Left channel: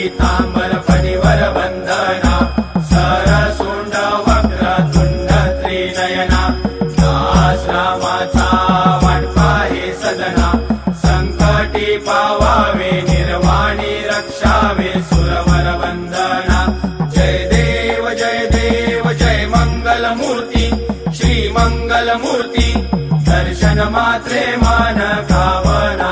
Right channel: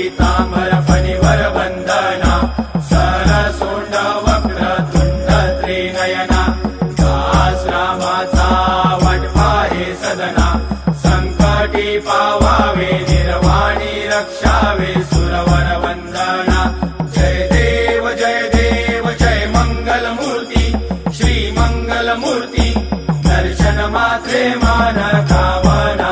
पीतांबर फणिवर वंदना सरसोंड वक्रतुंड त्रिनयना दास रामाचा वाटपा हे सदना संकटी पावावे निर्वाणी रक्षावे सुरवर वंदना जय देव जय मंगल मूर्ती श्री मंगल मूर्ती दर्शन मात्रे मान खावना